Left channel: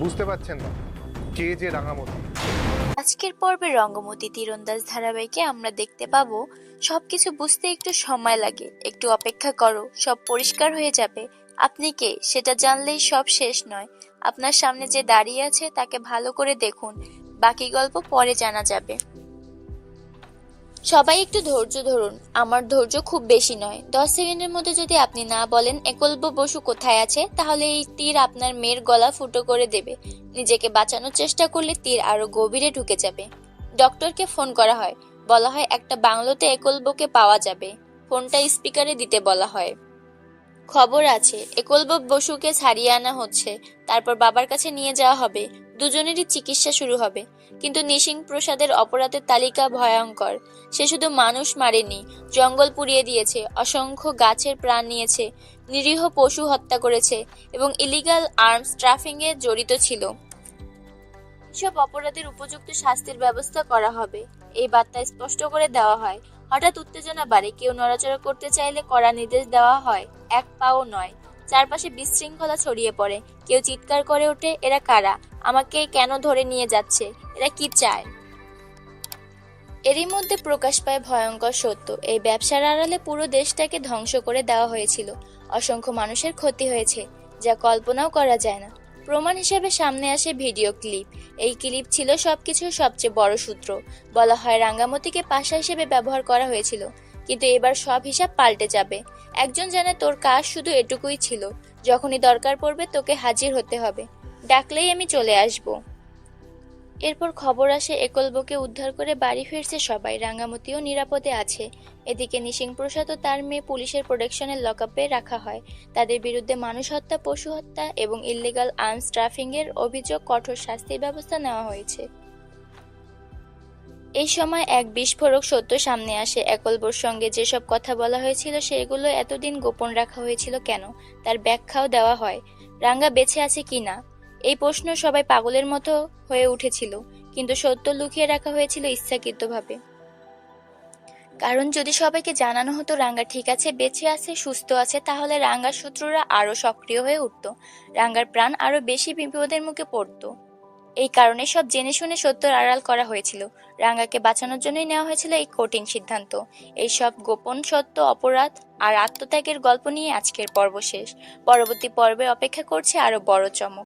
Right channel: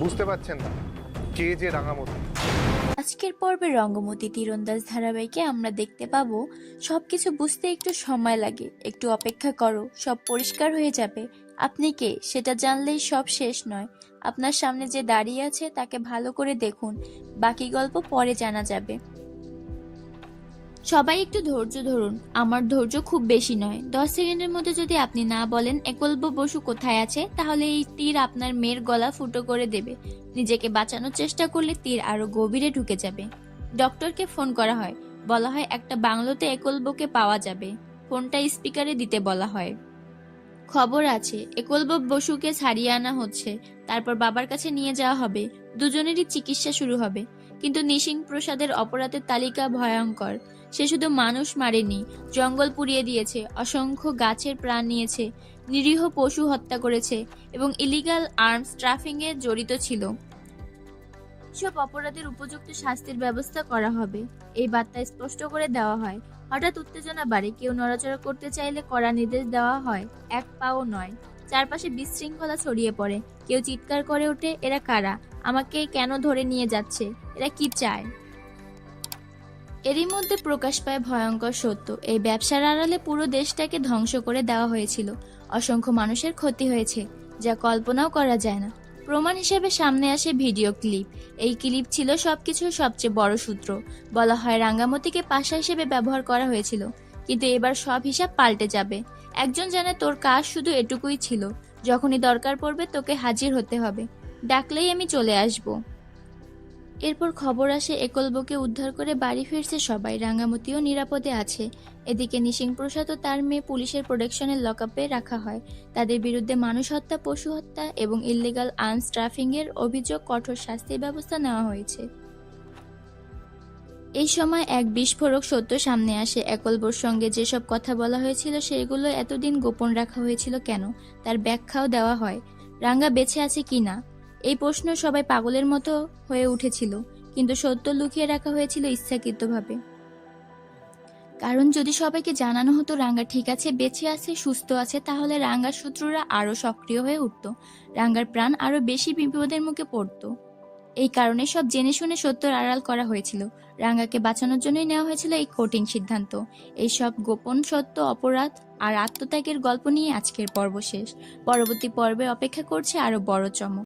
বুঝতে পারছেন না কে যে রাঙামতি? আজকের পর্বে রঙ্গমতি তীরন্দাজ ধারাবাহিকে আমরা দেখতে পাবো সবকিছু বুঝতে একটু সময় লাগে, একটু অপেক্ষা করো, সব পরিষ্কার হয়ে যাবে। আপনি কে সেটা জানলেই সব শেষ নয়। আপনার সামনে যে দাঁড়িয়ে আছে তাকে ভালো করে দেখুন, বাকি গল্প পরে জানা যাবে। সবাই একটু ধৈর্য ধরুন, আমার ধৈর্য খুব বেশি নয়। 10 সেকেন্ডের মধ্যে যদি আপনি না বলেন একলব্য বসু কোথায় আছে, তাহলে এই তীর আপনার মেয়ের গলা ফুটো করে দেবে। নিজেকে বাঁচানোর চেষ্টা করলে তীর আরো গভীরে ঢুকে যাবে। ডক্টরকে ফোন করা হয়, বলা হয় একটা বাংলোতে একলব্যকে পাওয়া যাবে। ফোনটা স্পিকারে দিতে বলা হয়। খবর আছে একলব্য বসুকে ছাড়িয়ে আনা হচ্ছে, তারপর বাবার কাছে নিয়ে যাওয়া হবে। দুজনেরই চিকিৎসা শুরু হবে। কিন্তু নিশিং প্রসাদের অপরাধের তালিকা ভয়ঙ্কর। সে শুধু মানুষ মারেনি, জঙ্গল পুড়িয়ে দিয়েছে, অসংখ্য গাছের প্রাণ নিয়েছে, নিরীহ পশু হত্যা করেছে এবং ইলিগাল আর্মস ট্রাফিং এ জড়িত ছিল। সব অপরাধের উপযুক্ত শাস্তির ব্যবস্থা করা হবে, এই বার্তা স্পষ্ট করে দেওয়া হয়। হঠাৎ উত্তেজনা বাড়ে, কেউ নড়াচড়া করতে চাইলে কড়া নির্দেশ দেওয়া হয়, এক পাও নয়। চারপাশে বিশৃঙ্খলা ছড়িয়ে পড়ে। কেউ চিৎকার করে ওঠে, এরা কারা? আমাকে কেন ধরে নিয়ে যাচ্ছে? এরা কি চায়? এরই মধ্যে প্রকাশ পায় ভয়ঙ্কর সত্য। এই ব্যবসার আড়ালে পুরো দেশটাকে ধ্বংস করে দেওয়া হয়েছিল। অসংখ্য মানুষের ক্ষতি হয়েছে, যা কল্পনাও করা যায় না। প্রমাণ হিসেবে সামনে আসে ভিডিও ক্লিপ। এই ক্লিপ ছিল সবকিছুর সবচেয়ে বড় সূত্র। বলা হয় রাঙ্গামতিকে পাশা হিসেবে ব্যবহার করা হয়েছিল, কিন্তু এবার সব হিসাব পাল্টে যাবে। একজন জানে তোর কাজ শুধু এটুকুই ছিল, যখনই দরকার পড়বে তোকে হাজির হতে হবে, ডাকলেই আমি চলে আসবো। এরপর খবর আসে একলব্যকে উদ্ধার করে বাড়ি ফিরছে সবাই, রাঙ্গামতিও নিরাপদে আছে। এদিকে নিশিং প্রসাদ ও তার মেয়ে পুলিশের প্রোটেকশনের লকআপে রাখা হয়। তাদের বিরুদ্ধে মানুষ হত্যা, পশু হত্যা এবং ইল্লিগাল আর্মস ট্রাফিং এর অভিযোগ, কঠোর শাস্তির ব্যবস্থা নেওয়া হয়েছে। এই সময় এক বিস্ফোরক সত্য সামনে আসে। একলব্যর সঙ্গে যেসব কথা বলা হয়েছিল সেগুলো এতদিন গোপন রাখা হয়েছিল কেন, তার ব্যাখ্যাও দেওয়া হয়। রাঙ্গা বেঁচে আছে কিনা এই প্রশ্ন সবাই পাগলের মতো হয়ে উঠেছিল, কিন্তু সত্য লুকিয়ে রাখা হয়েছিল ইচ্ছাকৃতভাবে। কারণ যদি সবাইকে জানানো হতো রাঙ্গা ঠিক আছে, বেঁচে আছে, সুস্থ আছে, তাহলে রাঙ্গার শত্রুরা আরো সক্রিয় হয়ে উঠত, রাঙ্গার প্রাণ আরো বেশি বিপদের মুখে পড়তো। এই কারণে সব জেনে শুনে সত্যর আড়াল করা হয়েছিল। রাঙ্গাকে বাঁচানোর জন্যই নেওয়া হয়েছিল এই কঠিন সিদ্ধান্ত। এই সব গোপন সত্য, অপরাধ আর আত্মত্যাগের গল্প নিয়ে আজকের পর্ব শেষ। পরবর্তী পর্বে অপেক্ষা করছে আরো বড় চমক।